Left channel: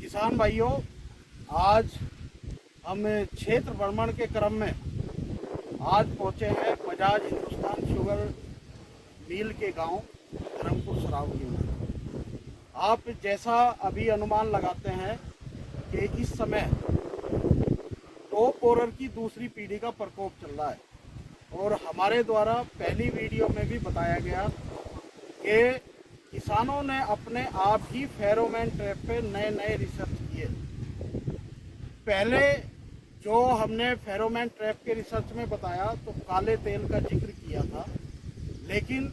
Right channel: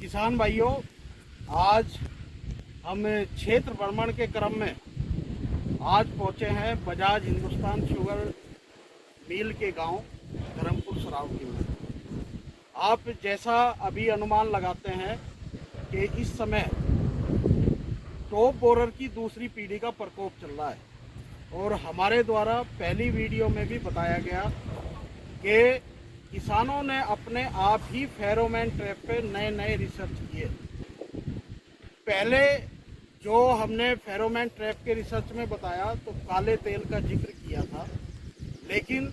किसान भाइयों, आज हम क्षेत्र भ्रमण के क्रम में आज पहुंचे हैं बजाज हिंदुस्तान शुगर मिल के गांव धर्मपुर सरावगी में। आप जैसा अभी अनुमान लगाते हैं कि इस समय टॉप बोरर की दूसरी पीढ़ी का प्रकोप चल रहा है और हमारे द्वारा पहली वीडियो में भी बताया गया कि किसानों ने अपने आप ही फेरोमोन ट्रैप पे नए नए रिसर्च किए। पहले जो हमने फेरोमोन ट्रैप के रिसर्च में बताया तो काले तेल का जिक्र किया था, लेकिन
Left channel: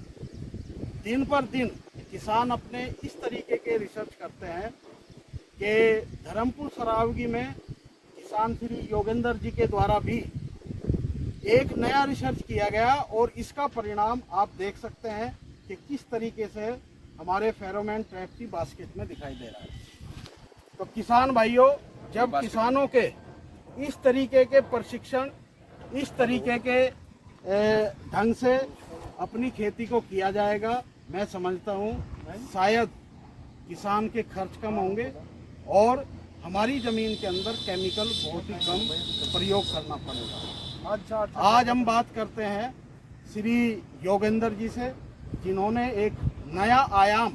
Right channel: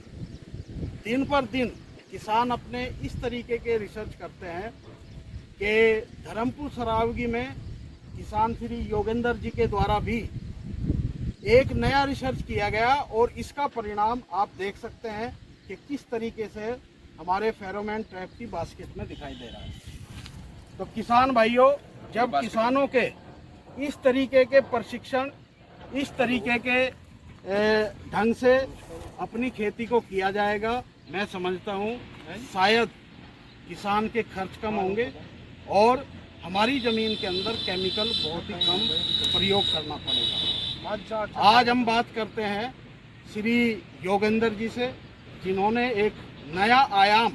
दिन पर दिन किसान अपने इस तरीके के रिसर्च करते हैं कि धर्मपुर सरावगी में किसान श्री योगेंद्र जी के द्वारा भी एक नया रिसर्च किया गया और इसका परिणाम आप देख सकते हैं कि किस तरीके से हमारे फेरोमोन ट्रैप की बास्केट में दिखाई दे रहा है। तो किसान भाइयों, जब किसानों के इस तरीके के प्रशिक्षण, इस तरीके के ढंग से अपनी खेती को किया जाएगा, मैं समझता हूँ शायद किसान के खर्च कम होंगे और हमारी ज़मीन के अंदर केमिकल बहुत ही कम प्रयोग करना पड़ेगा। आज हम बात करते हैं श्री योगेंद्र जी से, जिन्होंने एक नया आयाम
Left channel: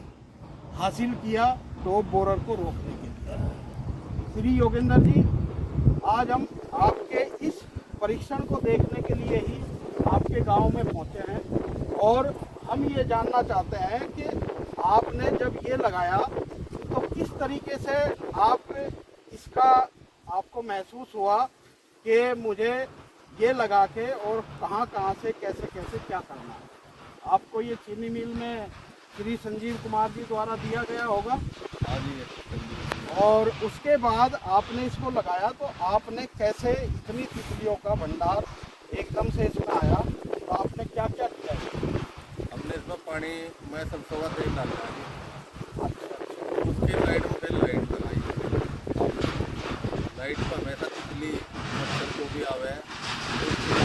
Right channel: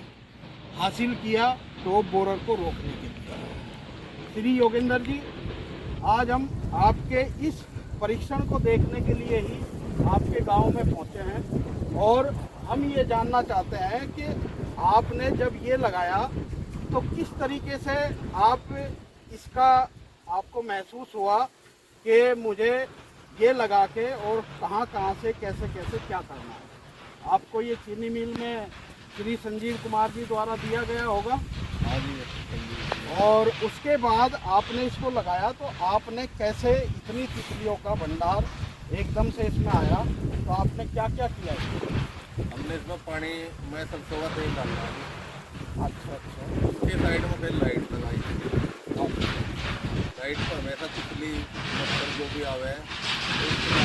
हासिल किया टॉप बोरर को रोकने के लिए। श्री योगेंद्र जी, आज हम आपके इस परीक्षण को देखने के लिए ही आपके गांव में पहुंचे हैं और हम ये जानना चाहते हैं कि आपने जब ये लगाया तो किस तरीके से इसका आपको महसूस हुआ कि मुझे ये लगा के और कहाँ से कैसे क्या करना है। आपको ये चीनी मिल में श्री संजीव कुमार जी द्वारा दिया गया होगा और उसके बाद आपने इसको लगाया तो आपने कैसे इतनी तितलियों का भंडार एकदम से इसमें आया, तो आपने क्या क्या किया? हमने इसमें पानी में सरसों का तेल डाला है। अच्छा, उसके साइड में फिर लाइट लगाई। लाइट पर हमेशा तितली मच्छर जो भी आवे तो उसके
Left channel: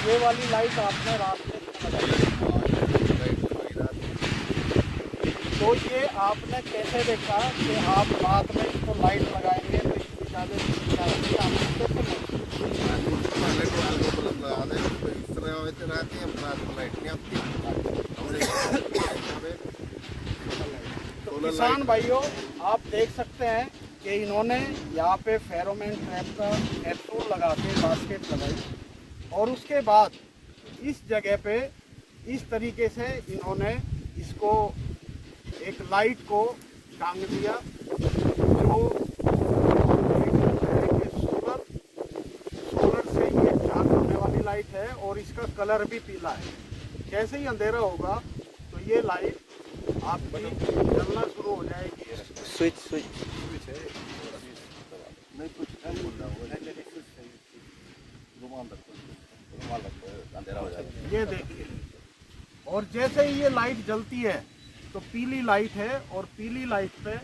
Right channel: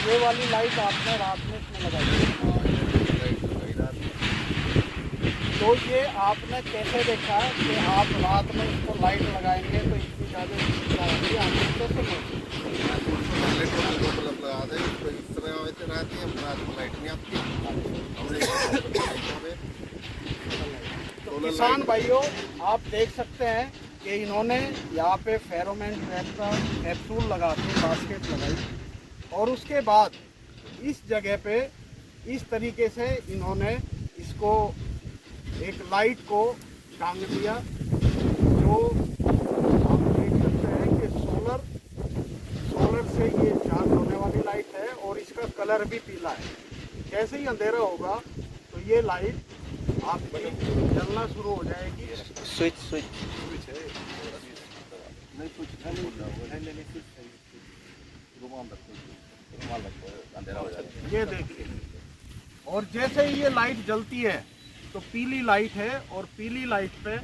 ये वाली लाइट आपने रात में इसमें लगाई? लाइट लगाई रात में। तो ये आपने कैसे देखा कि आप रात में इसको लाइट लगाएंगे तो इतनी ज़्यादा क्या होगी, आपने कैसे पहले टोटल को बल्ब लगा दे तो इस तरह वैसे रहती है, रात में लाइट नहीं आती। हमने तो किसान भाइयों, आप देख सकते हैं कि इन्होंने यहाँ पे फेरोमोन ट्रैप का कैप्सूल लगा के बास्केट लगाई और उसके बाद इस जगह पे इस तरीके से इन्होंने इसको एक लाइट को टांग दिया जो देख सकते हैं कि सोलर से ये चार्ज होने वाली लाइट है और इसका कलर भी पीला है। जैसे ही अंधेरा होगा तो ये लाइट आपकी जलना शुरू हो जाएगी। स्विच है नहीं, कुछ नहीं बोल रहा होगा, रुमाल रखो अंधेरा हो जाएगा। ये देखिए, और जैसे ही ये लाइट जलती है तो पीली लाइट है और पीली लाइट पे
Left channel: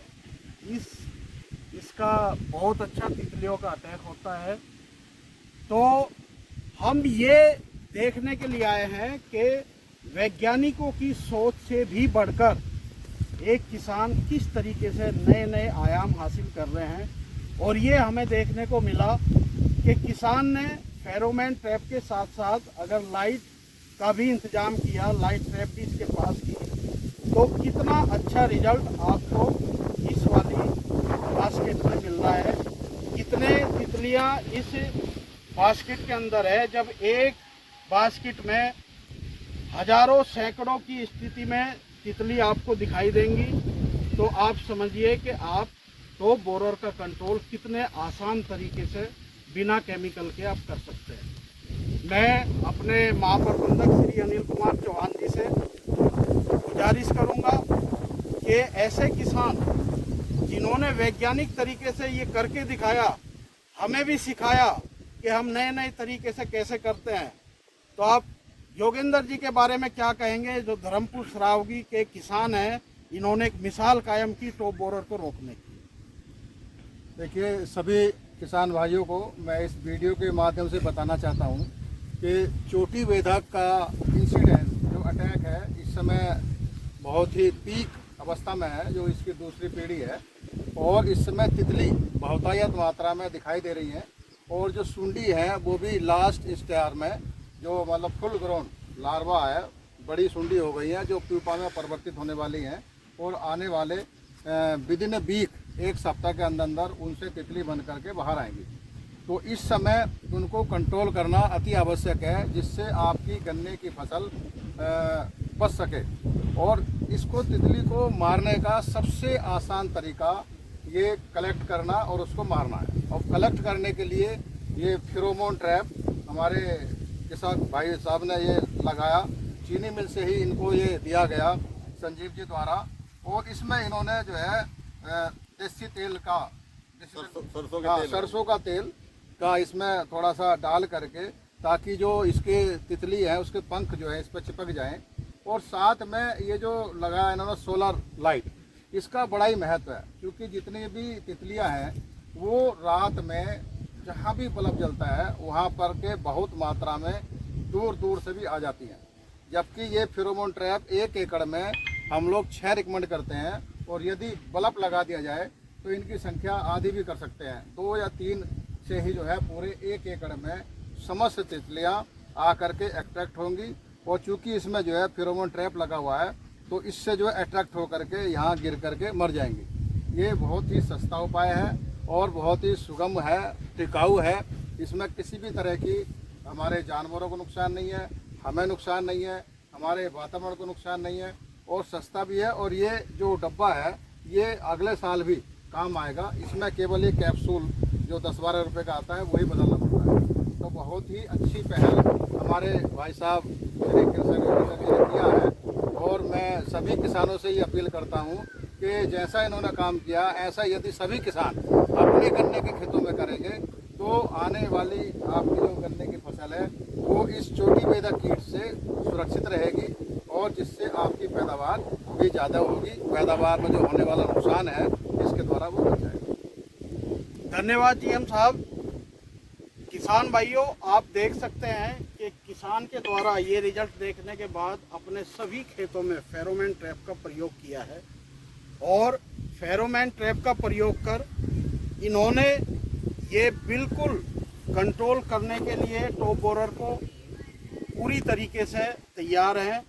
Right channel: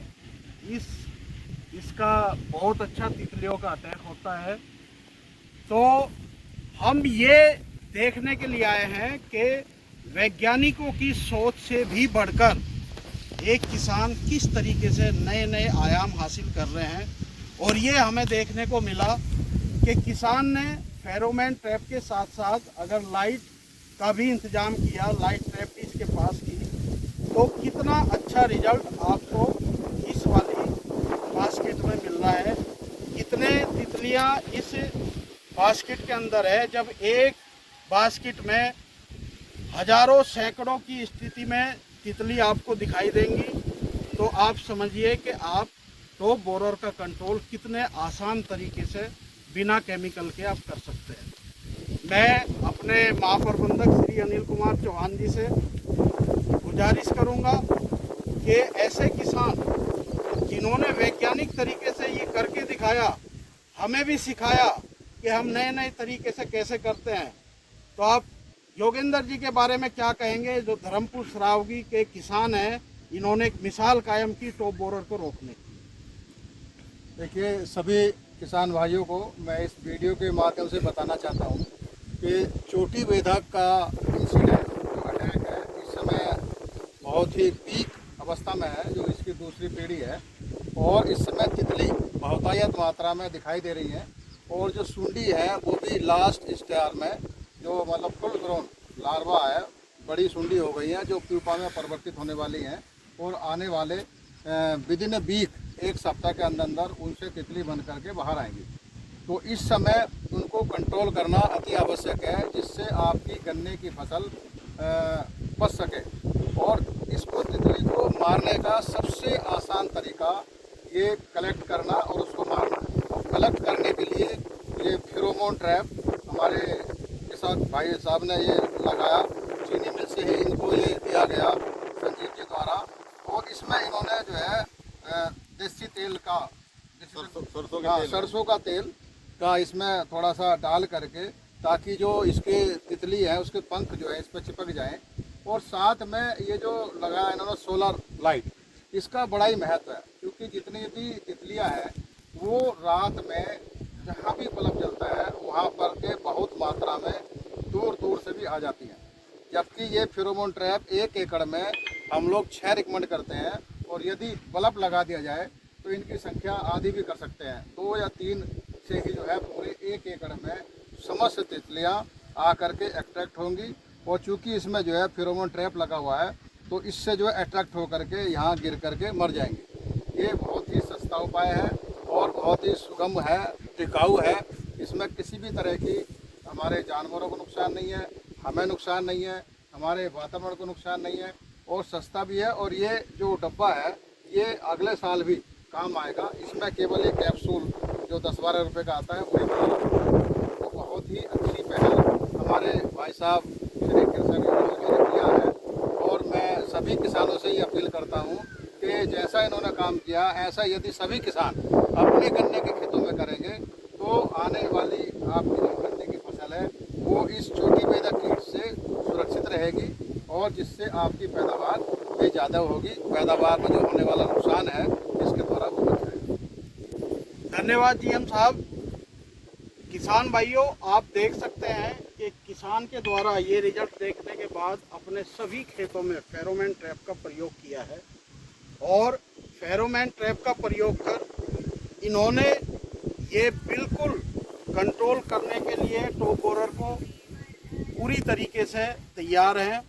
इसका बहुत अच्छा तितलियों का अटैक होता है। तो हम ये देखने के लिए आए हैं कि वैज्ञानिकों की सोच से भी बढ़कर एक किसान किस तरीके से नए नए आयाम हासिल कर रहे हैं और ये हमें देखने को मिला कि किसान ने फेरोमोन ट्रैप के साथ साथ अगर लाइट का भी इंतजाम किया, लाइट ट्रैप भी इसके पास की, तो कितना अच्छा रिजल्ट आपको इस वाली बास्केट में मिल रहा है। कितने तितलियां इस बास्केट के अंदर है। जब एक बास्केट में हजारों सैकड़ों की स्थिति में तितली आपको दिखाई देंगी तो आप समझिए कि आप टॉप बोरर का कंट्रोल कितने आसान तरीके से बिना केमिकल के आप कर सकते हैं। मैं अपने महाप्रबंधक श्री अनिल कुमार चौहान जी से गुजारिश करूंगा कि ऐसे किसान जिन्होंने वैज्ञानिक तरीके से ये करके दिखाया, हमें भी सिखाया कि हम नए नए तरीके से कैसे करते हैं, तो आप योगेंद्र जी के बारे में क्या कहेंगे जो धर्मपुर सरावगी के किसान हैं, इन्होंने एक मिसाल कायम की टॉप बोरर को रोकने की। देखिए, सभी किसान भाइयों को मैं इस वीडियो के माध्यम से बताना चाहता हूं कि चोटी बेधक का इंसिडेंट, जो अटैक है, इस समय बहुत ही पीक अवस्था में है, जो इसकी दूसरी पीढ़ी है। और इस समय तितली बहुतायत मात्रा में दिखाई दे रही है। और जो सुंडी है वो भी लास्ट स्टेज में, जो मतलब फुल ग्रोन लार्वा है, बड़ी सुंडी हो गई है, जो प्यूपा में परिवर्तित होने वाली हैं। और आने वाले विद इन वीक, एक सप्ताह के अंदर अंदर उनसे तितली बन करके बाहर आएंगी। तो इस समय उनको कंट्रोल करना अति आवश्यक है, जिससे आपकी गन्ने की फसल बच सके। और इसको, तितली को मारने का सबसे आसान तरीका ये कलेक्ट करना और उसको मारना है। और कलेक्ट करने के लिए ये फेरोमोन ट्रैप हमारे किसान भाई साहब ने ये लगाया, चीनी मिल से ही इनको ये दिया गया संजीव जी द्वारा। और इसमें इन्होंने जो है देसी तेल का, सरसों का तेल का इसमें थोड़ा सा डाल करके, ताकि जो इसके तितली है उसके पंख जो है इस पर चिपक जाएं। और साथ में ये जो लगाया इन्होंने सोलर लाइट, इसका बड़ा ही महत्व है, क्योंकि जितनी भी तितलियां हैं वो रात में जहाँ भी बल्ब जलता है वहाँ पर के बहुत मात्रा में दूर दूर से भी आ जाती हैं। जबकि ये फेरोमोन ट्रैप 1 एकड़ में हम लोग 6 रिकमेंड करते हैं। और यदि बल्ब लगा दिया जाए तो इनकी संख्या आधी भी कर सकते हैं। 2 या 3 से ही जो है पूरे 1 एकड़ में समस्त तितलियाँ आकर के अट्रैक्ट होंगी। और चूंकि इसमें जो है फेरोमोन ट्रैप लगा हुआ है, तो इससे जो है अट्रैक्ट होकर के यहाँ गिर करके मर जाएंगी। ये बहुत ही सस्ता उपाय है और बहुत ही सुगम है, टिकाऊ है। इसमें किसी भी तरह की हमारे जानवरों को नुकसान नहीं है, हमें नुकसान नहीं है, हमारे वातावरण को नुकसान नहीं है, और सस्ता भी है। और ये जो डब्बा है ये अगले साल भी काम आएगा। इसमें केवल ये कैप्सूल जो 10-12 रुपये का आता है वही बनाना पड़ता है। तो बहुत ही अच्छी पहल हमारे भाई साहब श्री कृष्ण योगी जी ने किया है। और मैं सभी किसानों से ये अपील करता हूँ कि जैसा इन्होंने काम किया, ऐसा यदि सभी किसान अपने गन्ने के खेतों में करेंगे तो आने वाली आपकी जो गन्ने की फसल है वो इस छोटी बेदा कीट से सुरक्षित रहेगी। और जिससे आपकी पैदावार भी ज़्यादा होगी, पैदावार में जो होने वाला नुकसान है इसके द्वारा वो बच जाएगा। धन्यवाद जीएम साहब। किसान भाइयों, आप देख सकते हैं कि किसान के द्वारा ये रिजल्ट देखने के बाद अपने सभी खेतों में फेरोमोन ट्रैप का प्रयोग किया है। और फेरोमोन ट्रैप का प्रयोग कर इन्होंने ये बिल्कुल कंट्रोल करने के लिए टॉप बोरर को पूरी तरीके से तैयार हैं।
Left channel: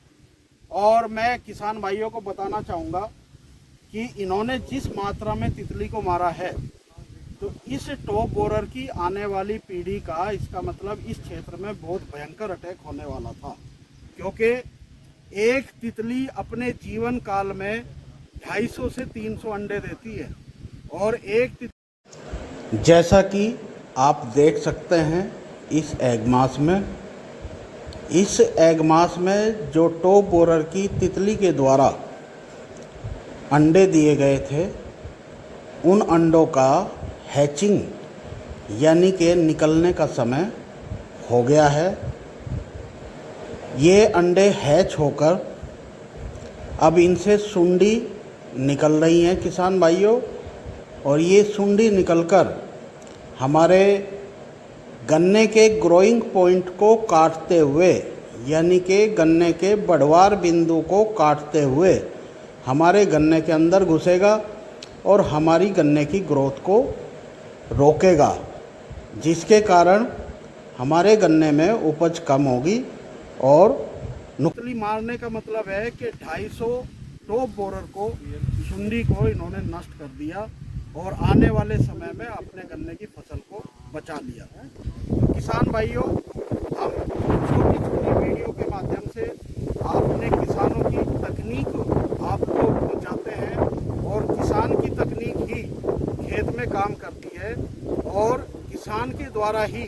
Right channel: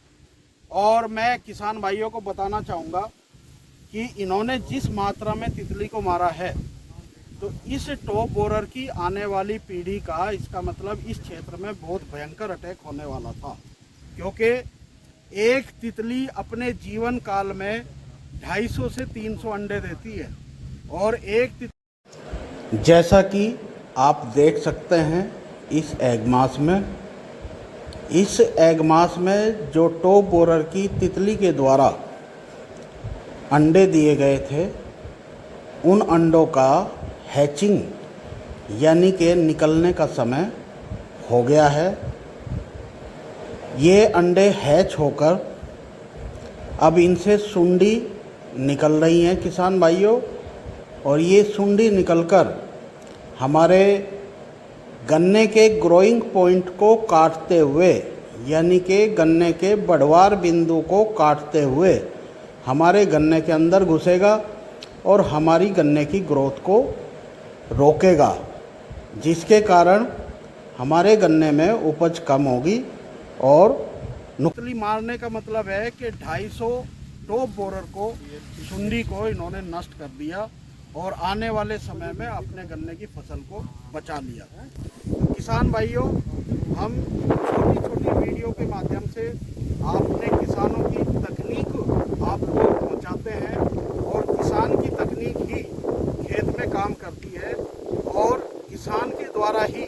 और मैं किसान भाइयों को बताना चाहूँगा कि इन्होंने जिस मात्रा में तितली को मारा है, तो इस टॉप बोरर की आने वाली पीढ़ी का, इसका मतलब इस क्षेत्र में बहुत भयंकर अटैक होने वाला था। क्योंकि एक तितली अपने जीवन काल में 250 से 300 अंडे देती है। और एक जैसा कि आप देख सकते हैं इस एग मास में जो टॉप बोरर की तितली के द्वारा अंडे दिए गए थे, उन अंडों का हैचिंग यानी कि निकलने का समय हो गया है। ये अंडे हैच होकर अब इनसे सुंडी निकल रही हैं किसान भाइयों। और ये सुंडी निकलकर हमारे गन्ने के ग्रोइंग पॉइंट को काटते हुए, यानी कि गन्ने के बढ़वार बिंदु को काटते हुए हमारे गन्ने के अंदर घुसेगा और हमारी गन्ने की ग्रोथ को रोकेगा, जिसके कारण हमारे गन्ने में उपज कम होगी। और तितली मारने का मतलब है कि 250 टॉप बोरर को, सुंडी को इन्होंने नष्ट कर दिया और आने वाले समय में अपने गन्ने की फसल को बचा लिया। तो किसान भाइयों, हम छोटी छोटी वीडियो के माध्यम से अपने किसानों की तकनीक आप लोग पहुँचाते हैं। और किसान की तकनीक ही खेत में काम करती है और किसान के द्वारा ही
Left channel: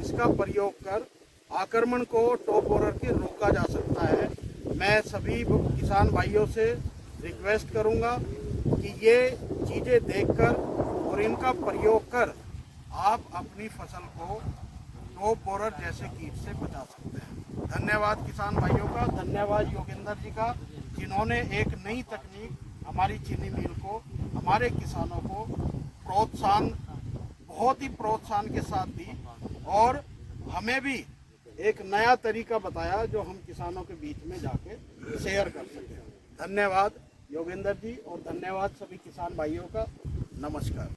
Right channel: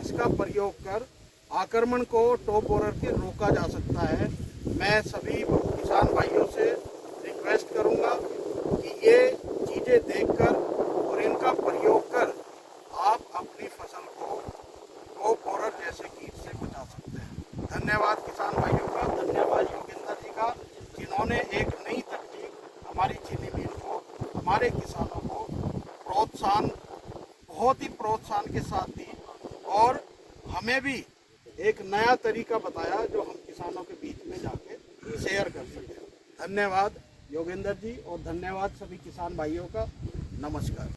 इसका प्रयोग कर आक्रमण को टॉप बोरर के रोका जा सकता है। मैं सभी किसान भाइयों से रिक्वेस्ट करूंगा कि ये चीज़ें देखकर और इनका प्रयोग कर आप अपनी फसल को टॉप बोरर जैसे कीट से बचा सकते हैं। धन्यवाद किसान भाइयों का, धन्यवाद योगेंद्र जी का, जिन्होंने एक नई तकनीक हमारी चीनी मिल को, हमारे किसानों को प्रोत्साहन, बहुत ही प्रोत्साहन के साथ दी और हमें भी एक नया तरीका बताया जो हम किसानों के बीच में जाके शेयर कर सकें। धन्यवाद। योगेंद्र जी, और धन्यवाद सभी किसान भाइयों का। नमस्कार।